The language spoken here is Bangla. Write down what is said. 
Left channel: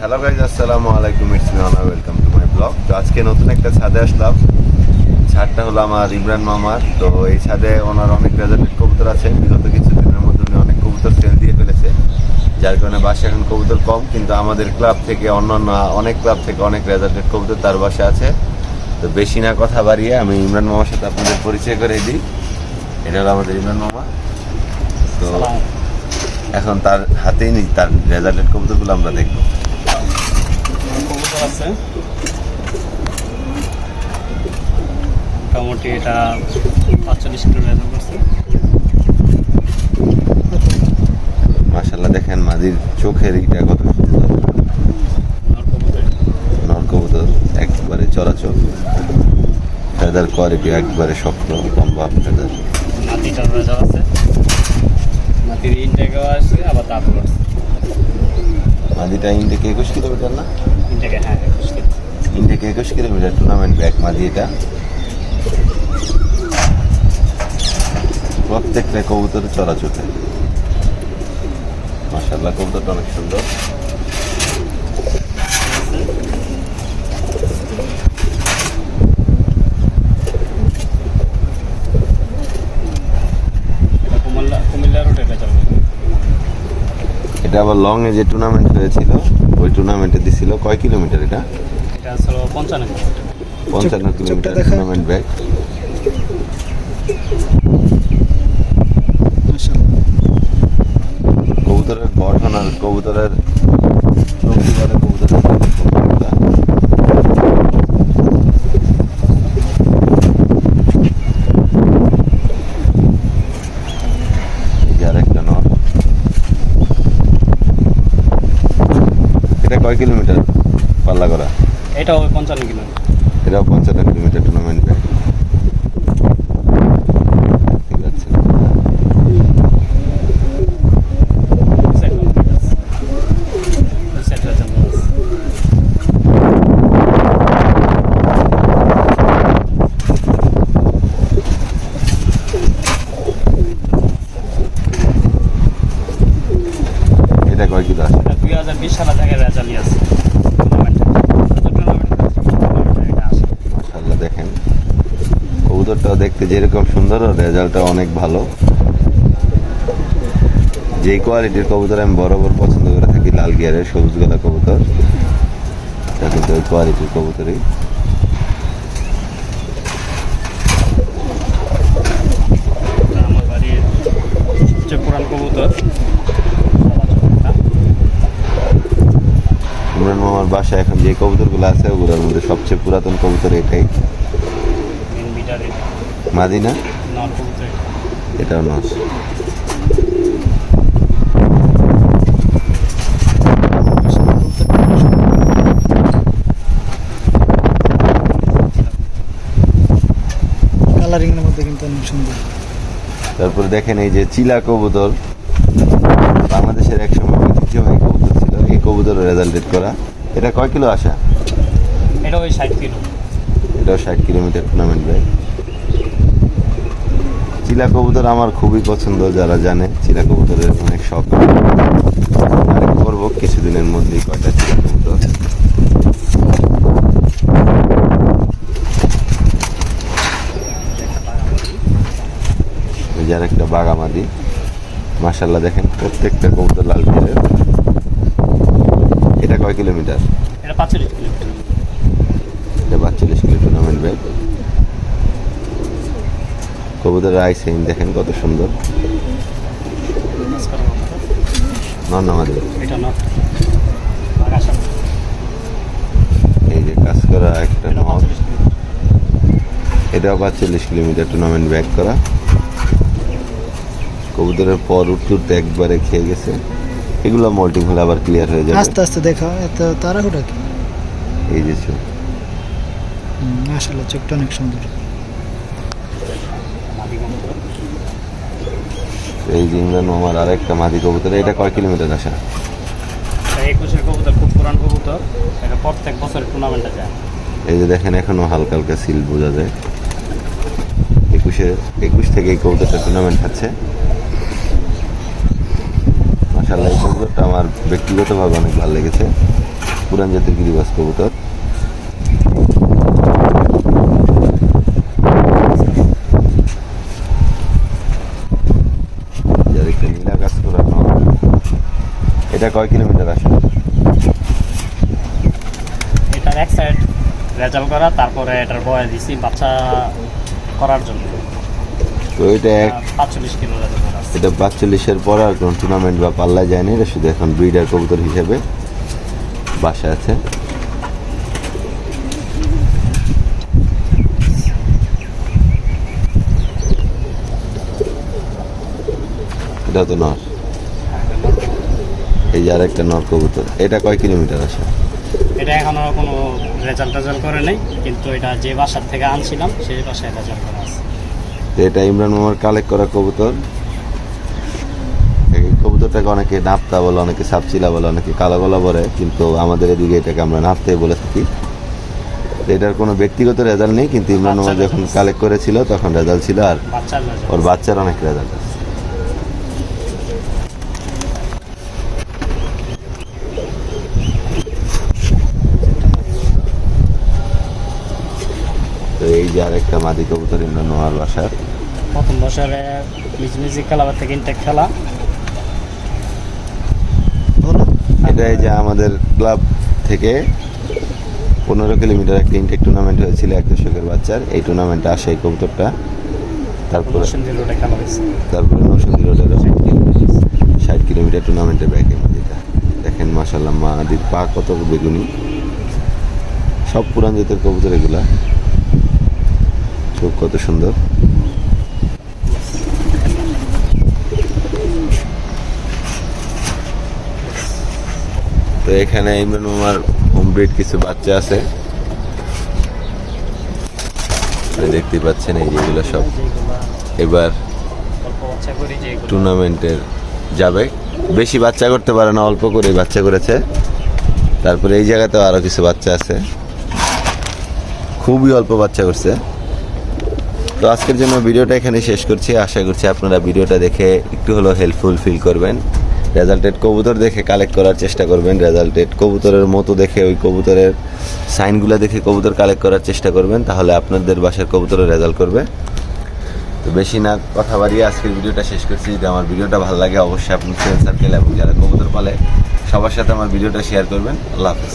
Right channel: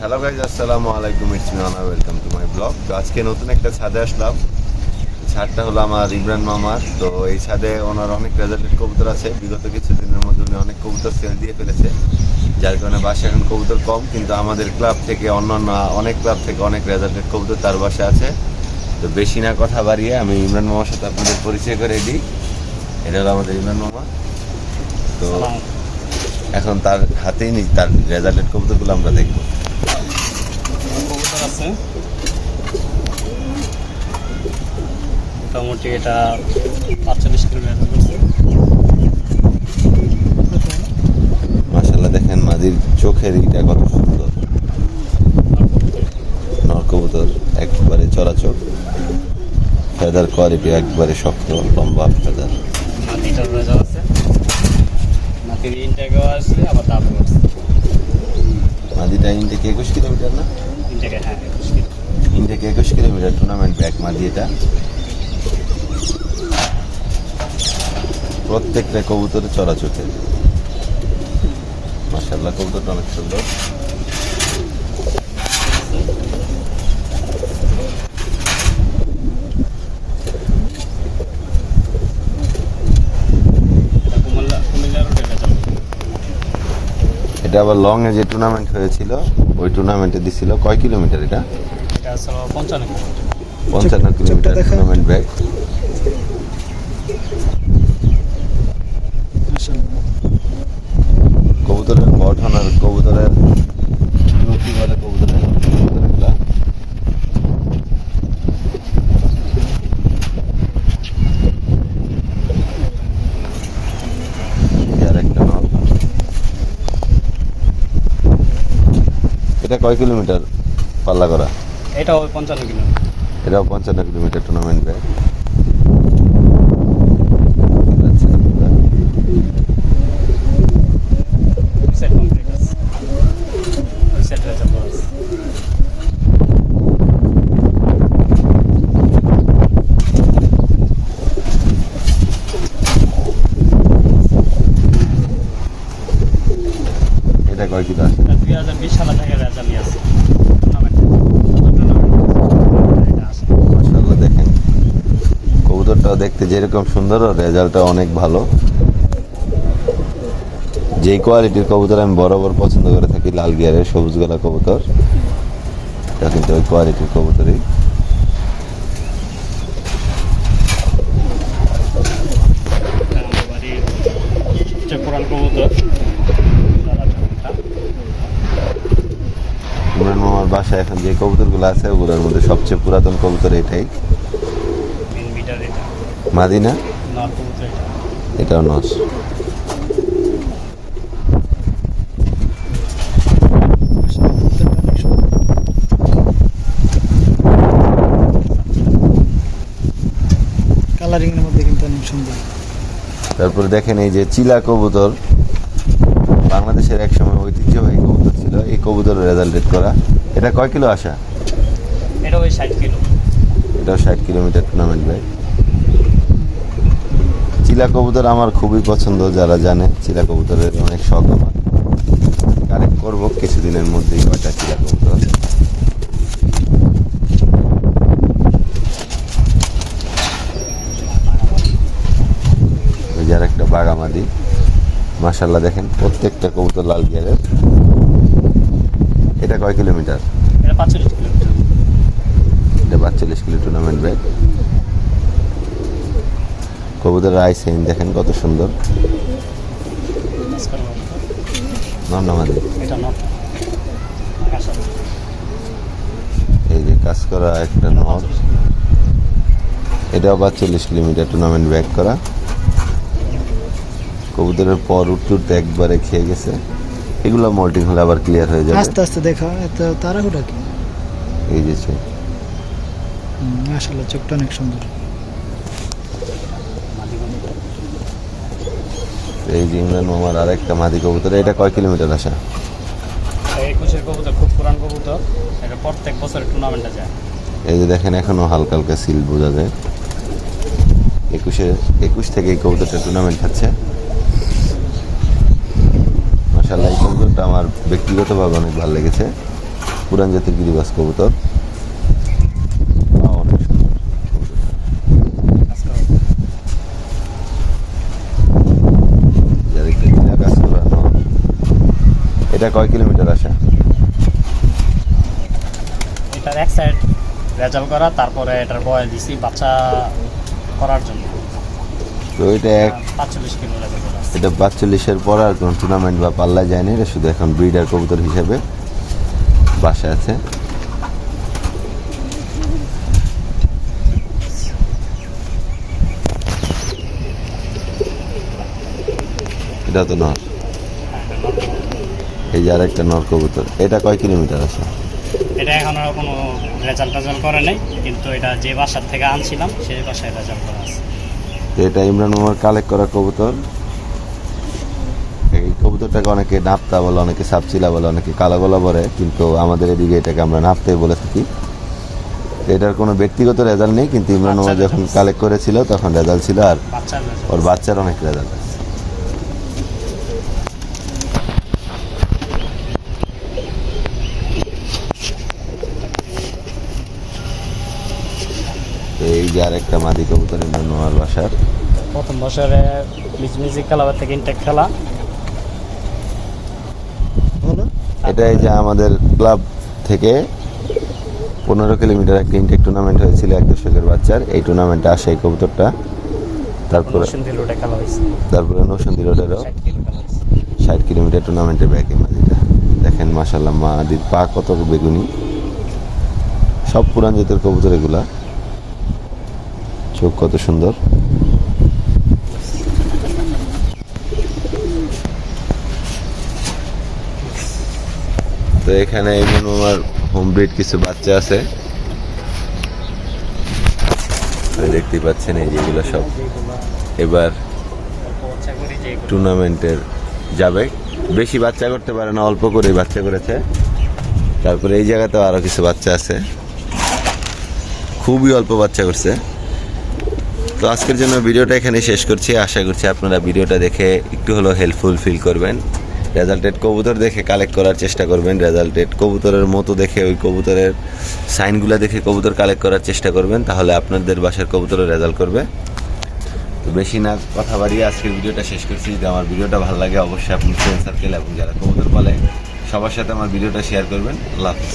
হ্যালো গাইজ, আসসালামু আলাইকুম। It's me honour, welcome to my blog. তো আজকে নতুন একটা ছাদে আসলাম। ছাদটা হলো আমার ইমরান মামার। তো এই ছাদে ওনার অনেক রেজাল্টেড কবুতর আছে। বিগত কিছুদিনের মধ্যে উনি অনেক কবুতর সেল দিয়ে ফেলেছে, যার কারণে বাসায় এখন কবুতর কম। কিন্তু আমাদের ক্লাব থেকে অন্যান্য অনেক ক্লাব থেকে অনেক রেজাল্টেড কবুতর তার বাসায় আছে। তো বেশি না কথা বাড়িয়ে আমি ইমরান মামার সাথে আপনাদের পরিচয় করে দিই। এটা হলো আমাদের ইমরান মামা। তো এখন তার হাতেই নি তার রেজাল্টেড কবুতরগুলো আমরা দেখবো। কবুতর আছে মোটামুটি, এটা 45 কিলো রেজাল্ট করছে। মাশাআল্লাহ, দেখেন মাদির চোখের ইটা কত সুন্দর। নর কবুতর একবারে চলাচল, ফেদার কোয়ালিটি একবারে শক্ত লম্বা ফেদার। মাটিটার রেজাল্ট আছে, মাটির ইনটেকও আসছে, আবার তারপর আসছে। মাদিটা ইনটেক 21 কিলোমিটার না? ইনটেকে হ্যাঁ 21 কিলো। ইনটেক 21 কিলোমিটার টুর্নামেন্ট ব্যাক মাদি। এটা প্রত্যেকটা কবুতর চলাচলে। মাশাআল্লাহ, কবুতরটা অনেক সুন্দর। কুমিল্লা রোডে রেজাল্ট। এটা আবার লং এ যে টুর্নামেন্ট হয়েছিল, ওই টুর্নামেন্টে দিছিল কয় কিলোমিটার? এটা এটা আসলে 55 কিলোমিটার টুর্নামেন্ট ব্যাক। কবুতরের গঠন আর কবুতরের বলে কবুতরের এটা কয় কিলোমিটার পাল্লা করা? এটাও 55 কিলো। এটাও 55 কিলোমিটার টুর্নামেন্ট ব্যাক। এটা কয় কিলো আছে? 2020 সালে থেকে রেজাল্ট আছে। মাশাআল্লাহ, দেখেন কবুতরটাও দেখতে যেরকম সুন্দর, রেজাল্টটা অনেক ভালো। যেই কোয়ালিটির কবুতর আমি বরাবর পছন্দ করে থাকি, লাল গিয়ারের সবুজ গলা কবুতর, তা কিন্তু ওই কোয়ালিটির কবুতরই। সবচেয়ে পুরান কবুতর ইমরান মামার বাসায় এখন যে কবুতরগুলো আছে ওগুলোর মধ্যে সবচেয়ে পুরাতন কবুতর এটাই। মাদিনা এটাও নস। কালারিং এর মধ্যে কিন্তু অনেক সুন্দর। তারপরে দেখেন এই যে চিলা কবুতর, বাংলাদেশের এক সময় ঐতিহ্যবাহী কবুতর ছিল। এই কবুতরের রেজাল্টেড করা। এটা কয় কিলো আসা? এটা ওই 60 কিলো। এটাও 60 কিলোমিটার টুর্নামেন্ট ব্যাক। চিলা কবুতর আমার খুবই পছন্দ, যারা জানে চিলা কবুতরের অনেক শখ। আরেক করবো কিছুদিনের মধ্যেই কয়টা চিলা কবুতর। যার একটা বাগামাদি। মাশাআল্লাহ, দেখেন প্রত্যেকটা কবুতর লাল গিয়ারের। এটা কয় কিলোমিটার? এটা 45 কিলোমিটার। এটা 45 কিলো টুর্নামেন্ট ব্যাক। কবুতরের আইসাইন দেখেন কত সুন্দর। নন্নামাদি এটা নট। এই যে কাজ করা একটা নট। এটাও 45 কিলোমিটার টুর্নামেন্ট ব্যাক করা। কবুতরের পর উঠতে একবারে খেয়ে গেছে। এগুলো মোল্টিং হলে আবার ক্লিয়ার হয়ে যাবে। আস্তে আস্তে দেখা, এত তাড়াহুড়া কি? এই যে চোখ, মাশাআল্লাহ, চোখটা অনেক সুন্দর। এই যে ইমরান মামার আরেকটা মাদি কবুতর। এটা কয় কিলোমিটার আসা? 21 কবুতর, খুব পুরান কবুতর। এটা প্রত্যেক বছর টুর্নামেন্টে যায়। এই যে দেখেন এখনো হালকা হালকা সিল বোঝা যায়। 21 থেকে এই কবুতরটা টুর্নামেন্ট হচ্ছে। মাশাআল্লাহ, এই কবুতরটা আমার ব্যক্তিগতভাবে অনেক ভালো লেগেছে। পুরান জাতের গিরিবাজ কবুতর। কাজ করানো। এটা কয় কিলোমিটার আসে? এটার এক সাইড রেজাল্ট করা, তারপরে এটার বয় দিছি বাচ্চা করার জন্য। তো এটা 45 কিলো রেজাল্ট করা আছে। এটা 45-এর পরে আর কোনো টুর্নামেন্ট বা পাল্লায় যায়নি, এটা শুধু এখন ব্রিডার কবুতর হিসেবে বাসায় আছে। এটা তো নর, হ্যাঁ, এটা নর। এই যে আর একটা নর কবুতর। এটা কয় কিলোমিটার আসে? এটা এখনো কোনো রেজাল্ট করে নেই, কিন্তু এটা যে বাসার থেকে আনছিলাম সেই বাসায় রেজাল্ট করা আছে। তো এটা ইমরান মামার কালেক্ট করা কবুতর। এই কবুতরটাকে অনেকে নাপ্তা বলে, অনেকে সাপচিলা বলে, অনেকে কালো গলা বলে, কিন্তু আমাদের এদিকে এটাকে আমরা নাপ্তাই বলে থাকি। তো এটার কোনো ব্যক্তিগত রেজাল্ট নেই, কিন্তু ইমরান মামা যখন কালেক্ট করেছিল তখন রেজাল্ট ছিল, আর বাচ্চার রেজাল্ট। ওর বাচ্চার অনেক রেজাল্ট আছে। তো এই যে আরেকটা মাদি কবুতর ইমরান মামার বাসার। প্রথম বছরে মিউজিক ক্লাবের থেকে ইনটেক খেলা। এটা এই যে আমাদের ক্লাব থেকে 15 কিলোমিটার একটা ইনটেক টুর্নামেন্ট হয়েছিল এক দশকের বাচ্চার। এই টুর্নামেন্টে আসে এই কবুতরটা। তারপরে সুন্দর রোডে খেলা হয়েছে। তারপরে নৌসন্দী রোডেরও 60 কিলোমিটার টুর্নামেন্টে ব্যাগে মাদিটা। দেখেন মাশাল্লাহ মাদির পা কত বেগুনি, সব পুরান জাতের কবুতর এগুলা। চোখ কত সুন্দর। তো এখানে এই আমার হোম ব্রিড কিছু বাচ্চা আছে, দেখতেই পাচ্ছেন। এই যেগুলো সব এবার টুর্নামেন্টের যাবে। বেশি বাচ্চা করতে পারে না, অল্প করে বাচ্চা করেছে। তারপরে এই জায়গাতেও আরো কিছু বাচ্চা আছে, খুবই অল্প বাচ্চা করছে। তো আজকের জন্য ভিডিওটা এখানে শেষ করছি। আশা করছি আপনারা ভিডিওটা দেখে একটু হলেও হেল্পফুল ফিল করবেন। রেজাল্টেড কবুতর দেখে কালেক্ট করার চেষ্টা করবেন। রেজাল্টেড কবুতরের মতো দেখে, ওই কবুতরের সাইনগুলো দেখে কবুতর কালেক্ট করার চেষ্টা করবেন, তাহলে আপনাদের বাসার কবুতরও রেজাল্ট করবে। তো বেশি না কথা বাড়িয়ে আজকের ভিডিওটা শেষ করছি। যদি আমার ভিডিওটা ভালো লাগে অবশ্যই আপনার ফ্রেন্ড সার্কেল এবং যারা কবুতর পালে সবার সাথে আমার ভিডিওটা শেয়ার করবেন। আল্লাহ হাফেজ।